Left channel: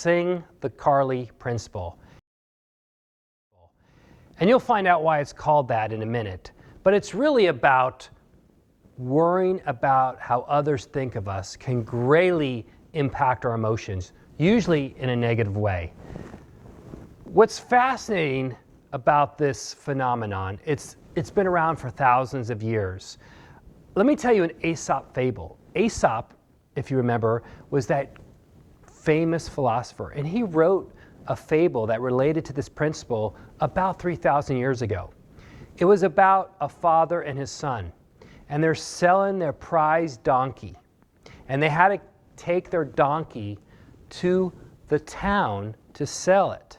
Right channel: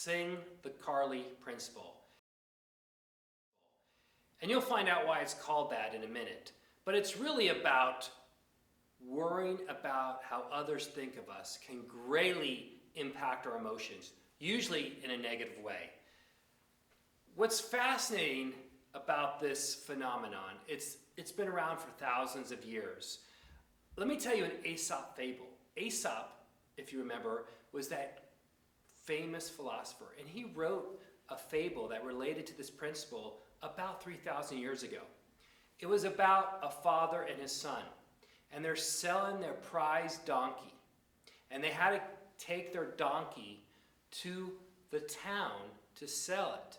Sing the Carly Principle. And you'll find out why it's called that in a minute. But it's really about worrying about how others think of us can greatly impact our emotions, usually in a negative way. What's fascinating about this phenomenon, it's been around for thousands of years. Let me tell you an Aesop fable. Aesop, if you remember, was that famous philosopher, and he wrote a fable that related to this principle about 3,000 years ago. It was about a father and his son, and they're selling their prized donkey, and they had to take their donkey to the town to sell it.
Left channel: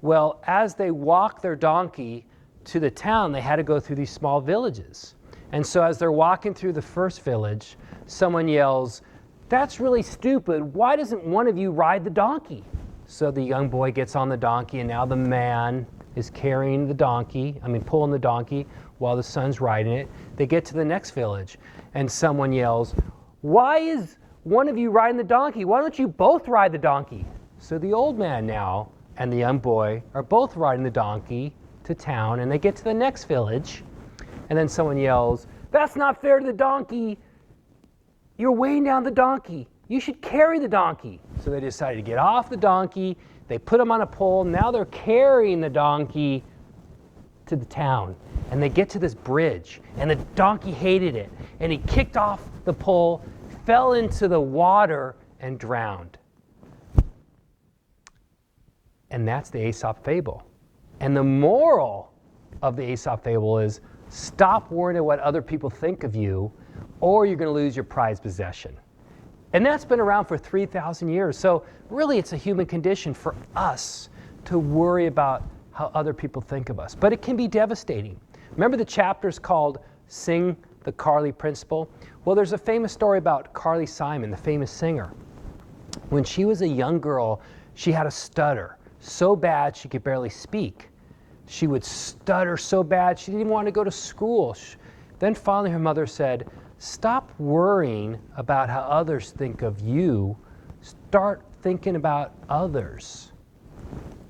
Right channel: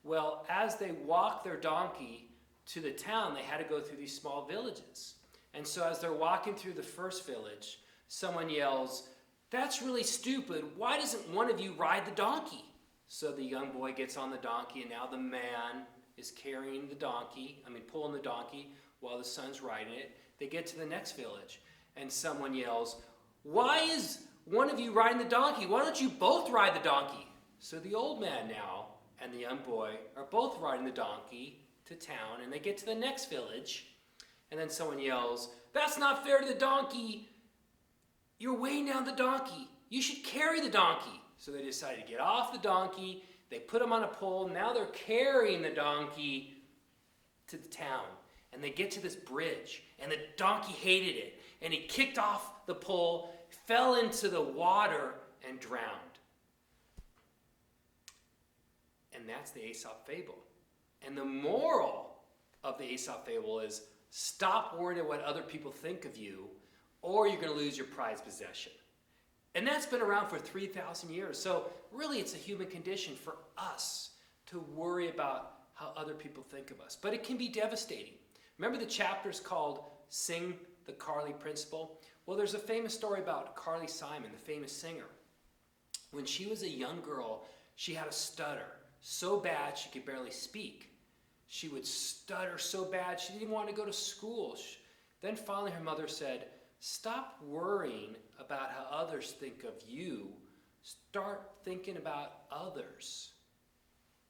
Well, as they walked their donkey to the town, they had to go through these small villages. And so as they're walking through the first village, someone yells, "That's really stupid. Why doesn't one of you ride the donkey?" So the young boy gets on the donkey, and now the man is carrying the donkey, pulling the donkey while the son's riding it. They get to the next village, and someone yells, "Why is one of you riding the donkey? Why don't you both ride the donkey?" So the old man now and the young boy are both riding the donkey to town, and they get to the next village, and then someone yells, "That's not fair to the donkey. You're weighing down the donkey. You should carry the donkey." So they decide to get off the donkey. They put him on a pole. Now they're carrying the donkey to the town. And they get to this bridge, and the donkey hated it. And he kicked off the pole, fell into the water, and drowned. And that's the Aesop fable. And the moral of the Aesop fable is stop worrying about what other people think of you, or you're going to lose your prized possession. And that's been around for 3,000 years. So really it's a human condition for us to worry about how other people think of us. But it can be devastating. Remember the chapter's called Sing the Carly Principle? Well, there's a famous story about Carly Simon, the famous singer. When she was a young girl, she had a stutter so bad she could barely speak. She would stutter so bad she didn't even want to go to school. Then finally her mother said, "Stop worrying about how others think of you. Start thinking about others."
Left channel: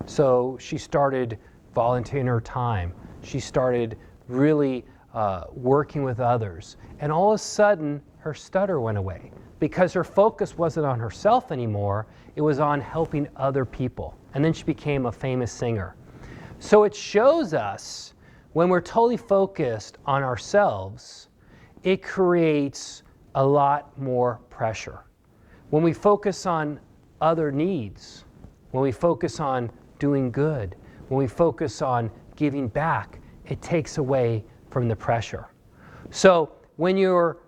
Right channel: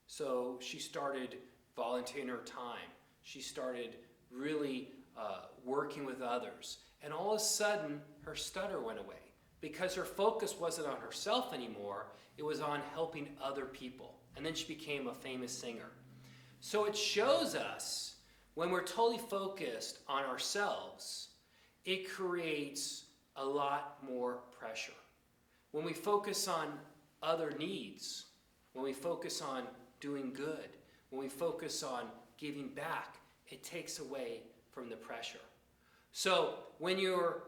So she started volunteering her time. She started really working with others. And all of a sudden, her stutter went away because her focus wasn't on herself anymore. It was on helping other people. And then she became a famous singer. So it shows us when we're totally focused on ourselves, it creates a lot more pressure. When we focus on other needs, when we focus on doing good, when we focus on giving back, it takes away from the pressure. So when you're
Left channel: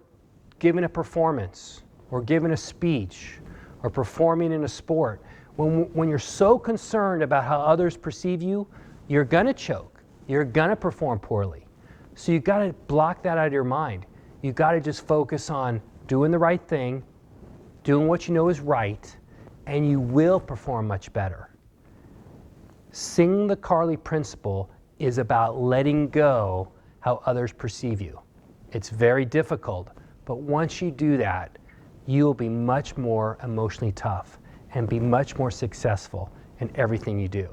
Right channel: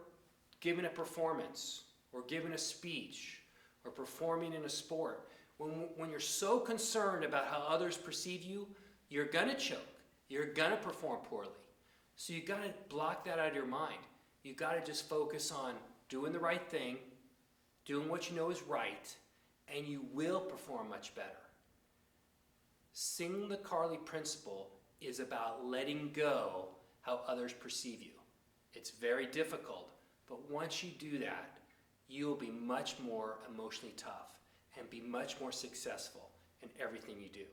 giving a performance or giving a speech or performing in a sport, when you're so concerned about how others perceive you, you're going to choke. You're going to perform poorly. So you've got to block that out of your mind. You've got to just focus on doing the right thing, doing what you know is right, and you will perform much better. Sing the Carly Principle is about letting go how others perceive you. It's very difficult, but once you do that, you will be much more emotionally tough and be much more successful in everything you do.